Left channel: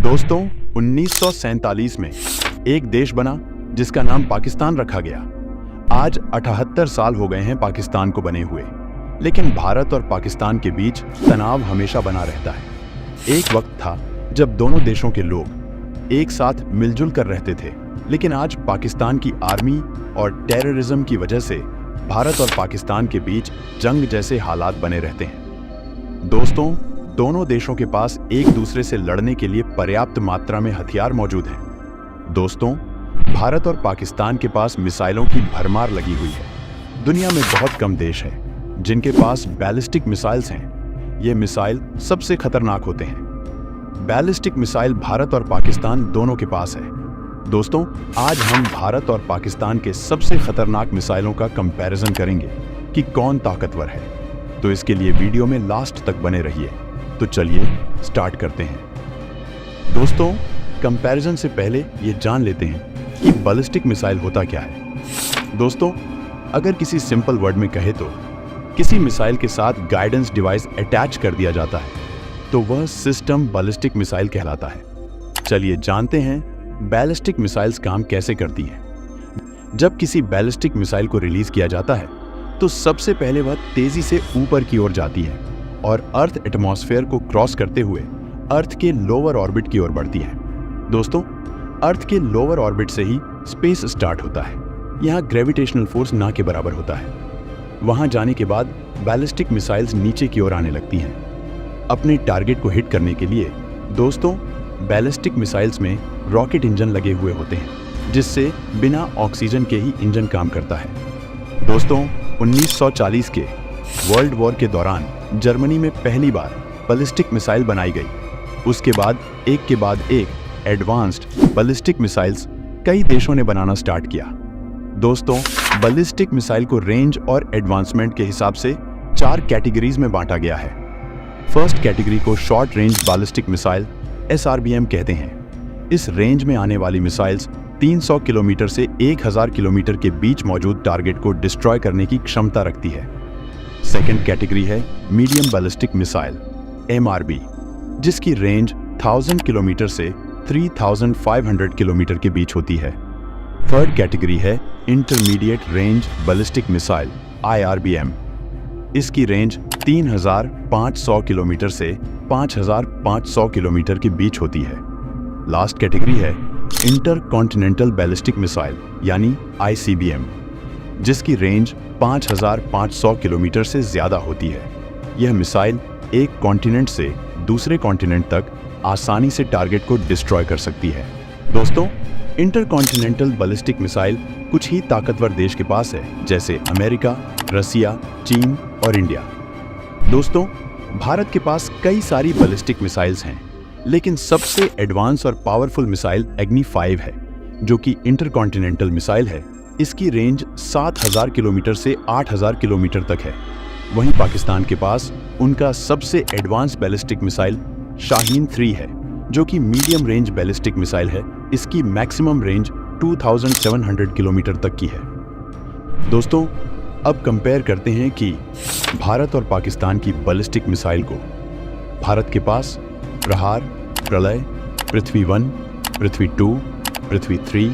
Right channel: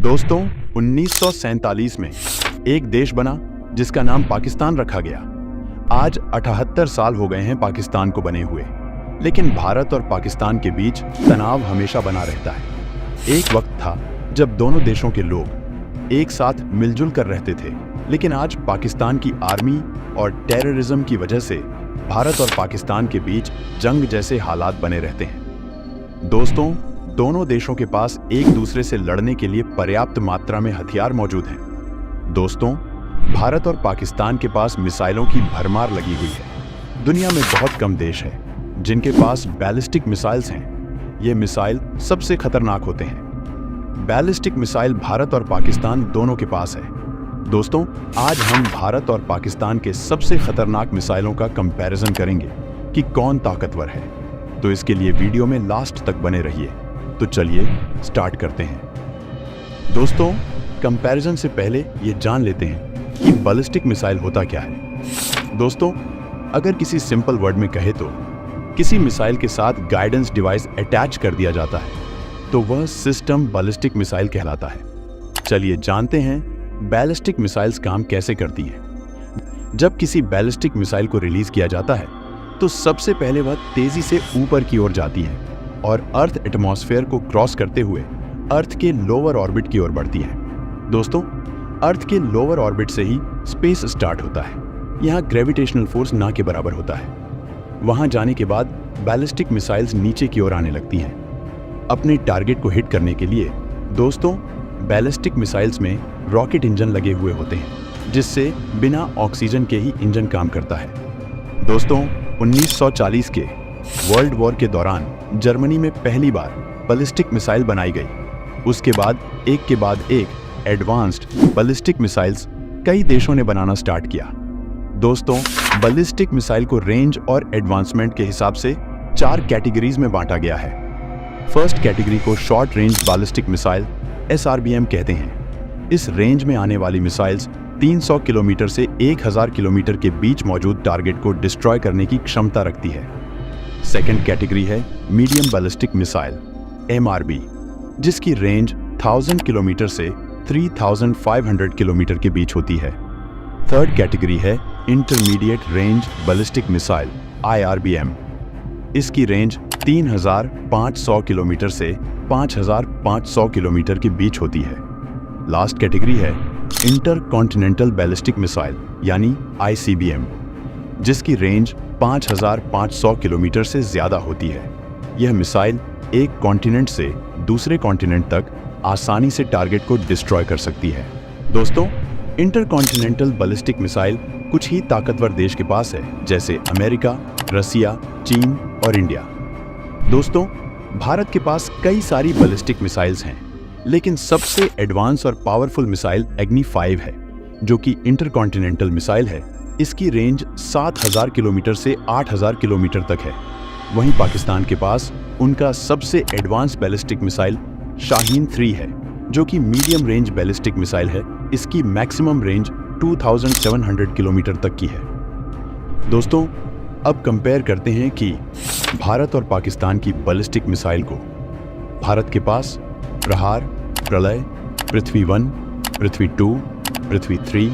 दोस्तों 1947 में एक देश बना जिसका नाम पाकिस्तान रखा गया। आज 78 साल हो गए हैं पाकिस्तान को बने हुए, लेकिन भारत और पाकिस्तान के बीच तनाव हमेशा बना रहता है। एक वक्त था जब दोनों देशों के लोग एक साथ मिलजुल कर रहते थे, लेकिन आज पाकिस्तान की आर्मी और टेररिज्म की वजह से भारत और पाकिस्तान के बीच जंग जैसे हालात बने रहते हैं। दोस्तों, दोनों देशों के पास एक दूसरे से लड़ने के लिए पर्याप्त मात्रा में हथियार मौजूद हैं। दोस्तों, भारत और पाकिस्तान के पास मिसाइलों की भरमार लगी हुई है। दुनिया में बहुत कम देश हैं जिनके पास बैलिस्टिक मिसाइल्स हैं। ये मिसाइल सबसे खतरनाक होते हैं। बैलिस्टिक मिसाइल भारत और पाकिस्तान दोनों के पास है। दोस्तों, आज हम भारत और पाकिस्तान के सबसे खतरनाक मिसाइलों का कंपैरिजन करेंगे कि कौन ताकतवर है। तो इसके लिए वीडियो में लास्ट तक बने रहिए। तो चलिए स्टार्ट करते हैं। दोस्तों, कंपैरिजन से पहले ये जान लेते हैं कि बैलिस्टिक मिसाइल होता क्या है। दोस्तों, अगर किसी सिंपल वर्ड में कहे तो किसी मिसाइल के साथ गाइडेंस डिवाइस अटैच कर दिया जाता है तो वह सिस्टम बैलिस्टिक मिसाइल कहलाता है। चलिए जानते हैं बैलिस्टिक मिसाइल्स काम कैसे करती हैं। जब किसी बैलिस्टिक मिसाइल को रिलीज किया जाता है तो सबसे पहले वह तेजी से ऊपर की ओर जाती है और अर्थ एटमॉस्फेयर को क्रॉस करते हुए अर्थ के लोअर ऑर्बिट की ओर बढ़ती है। दोस्तों, अर्थ के लोअर ऑर्बिट से ही स्पेस स्टार्ट होता है। यहाँ ग्रेविटेशनल फोर्स ना के बराबर होता है। वहाँ जाने के बाद बैलिस्टिक मिसाइल्स नीचे की ओर आने लगती हैं अपने टारगेट को हिट करने के लिए। दोस्तों, बैलिस्टिक मिसाइल्स में रॉकेट इंजन लगे हुए होते हैं जिससे बिना ऑक्सीजन के ही इंजन काम करता है। दोस्तों, 1940 के वर्ल्ड वॉर के दौरान जर्मनी में पहली बार बैलिस्टिक मिसाइल बनाई गई। उसके बाद एक एडवांस्ड बैलिस्टिक मिसाइल्स कई देशों ने बनाना स्टार्ट किया। दोस्तों, बैलिस्टिक मिसाइल को रेंज और एडवांसमेंट के हिसाब से 4 कैटेगरीज में बांटा गया है। फर्स्ट कैटेगरी को short range ballistic missile SRBM कहते हैं। इस रेंज में आने वाली मिसाइल्स 300 किलोमीटर से 1000 किलोमीटर के बीच मौजूद टारगेट को डिस्ट्रॉय करने की क्षमता रखती है। सेकेंड कैटेगरी है मीडियम बैलिस्टिक मिसाइल MRB, जिसकी रेंज 1000 किलोमीटर से 3500 किलोमीटर के बीच होती है। थर्ड कैटेगरी है intermediate range ballistic missile IRBM। इसकी रेंज 3500 किलोमीटर से 5500 किलोमीटर के बीच होती है। लास्ट कैटेगरी है इंटरकॉन्टिनेंटल बैलिस्टिक मिसाइल यानी ICBM, जिसकी रेंज 5500 किलोमीटर से ज्यादा होती है। यह मिसाइल एक कॉन्टिनेंट से दूसरे कॉन्टिनेंट तक आसानी से टारगेट को डिस्ट्रॉय कर सकती है। दोस्तों, इंटरकॉन्टिनेंटल बैलिस्टिक मिसाइल कुछ ही ताकतवर देश के पास है, जैसे अमेरिका, रसिया, चीन और इंडिया। दोस्तों, भारत के पास कई सारी बैलिस्टिक मिसाइल्स हैं, लेकिन सबसे एडवांस और पावरफुल मिसाइल अग्नि 5 है, जो कि इंटरकॉन्टिनेंटल मिसाइल है। इसकी रेंज 7000 किलोमीटर से 8000 किलोमीटर तक है। वहीं पाकिस्तान के पास उनका सबसे एडवांस बैलिस्टिक मिसाइल शाहीन 3 है, जो कि मीडियम रेंज बैलिस्टिक मिसाइल है। इसकी मैक्सिमम रेंज 2700 किलोमीटर तक की है। दोस्तों, अब कंपेयर करते हैं कि भारत और पाकिस्तान की बैलिस्टिक मिसाइल को। भारत के पास प्रहार, प्रलय, पृथ्वी 1, पृथ्वी 2, पृथ्वी 3,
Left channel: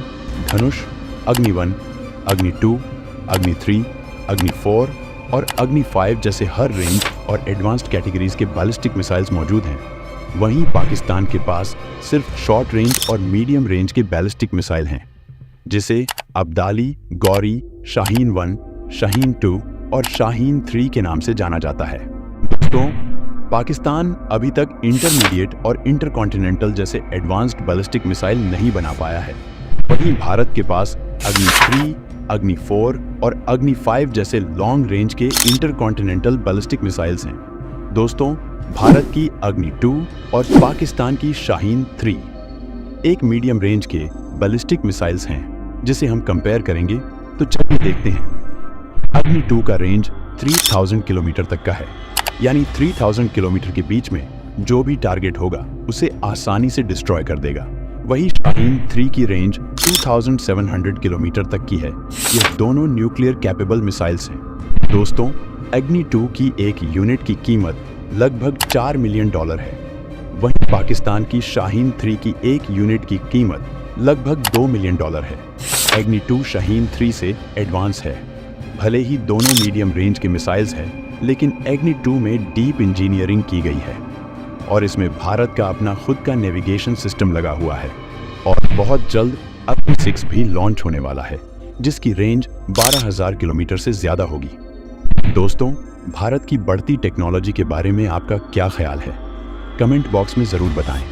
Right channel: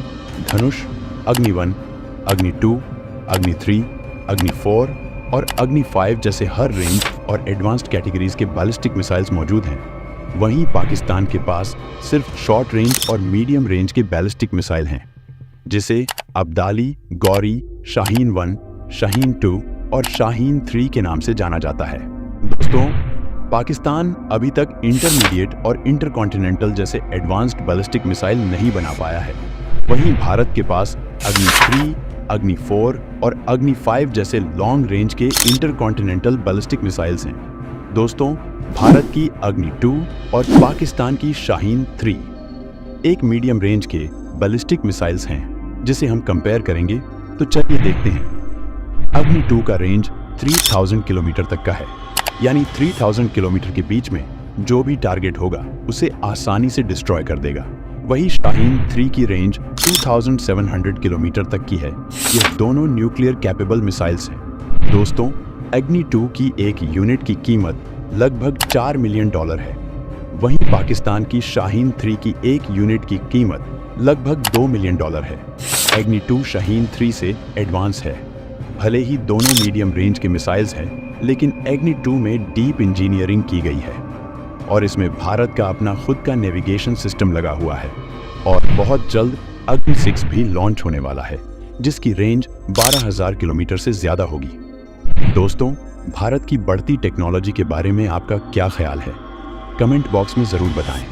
धनुष, अग्नि 1, अग्नि 2, अग्नि 3, अग्नि 4 और अग्नि 5 जैसे हर रेंज और एडवांस्ड कैटेगरीज के बैलिस्टिक मिसाइल्स मौजूद हैं। वहीं पाकिस्तान के पास सिर्फ शॉर्ट रेंज और मीडियम रेंज के बैलिस्टिक मिसाइल हैं, जिसे अब्दाली, गौरी, शाहीन 1, शाहीन 2 और शाहीन 3 के नाम से जाना जाता है। दोस्तों, पाकिस्तान अभी तक इंटरमीडिएट और इंटरकॉन्टिनेंटल जैसे एडवांस्ड बैलिस्टिक मिसाइल नहीं बना पाया है। वहीं भारत के पास अग्नि 3, अग्नि 4 और अग्नि 5 जैसे लॉन्ग रेंज के इंटरकॉन्टिनेंटल बैलिस्टिक मिसाइल्स हैं। दोस्तों, भारत की अग्नि 2 और पाकिस्तान की शाहीन 3 एक मीडियम रेंज के बैलिस्टिक मिसाइल्स हैं, जिसे हम कंपेयर करेंगे। तो चलिए देखते हैं। अग्नि 2 का रेंज 3000 किलोमीटर तक का है, यानी 3000 किलोमीटर के बीच में जो भी टारगेट होगा उसे आसानी से डिस्ट्रॉय कर देगा। वही शाहीन 3 की रेंज 2700 किलोमीटर तक की है। ये दोनों न्यूक्लियर कैपेबल मिसाइल्स हैं। दोस्तों, अग्नि 2 की एक यूनिट की कीमत लगभग $4 मिलियन है। वहीं पाकिस्तान की शाहीन 3 की एक यूनिट की कीमत लगभग $2 मिलियन है। एग्नि 2 शाहीन 3 से एडवांस है। भले ही दोनों मीडियम रेंज के मिसाइल्स हैं, लेकिन एग्नि 2 में डीप इंजीनियरिंग की गई है और इसमें भारत का अपना खुद का नेविगेशन सिस्टम लगा हुआ है। और बहुत जल्द अग्नि 6 भी लॉन्च होने वाला है, जिसकी रेंज 12,000 किलोमीटर से ज्यादा होगी। दोस्तों, भारत की बढ़ती टेक्नोलॉजी के बारे में आपका क्या ख्याल है? कमेंट बॉक्स में जरूर बताएं।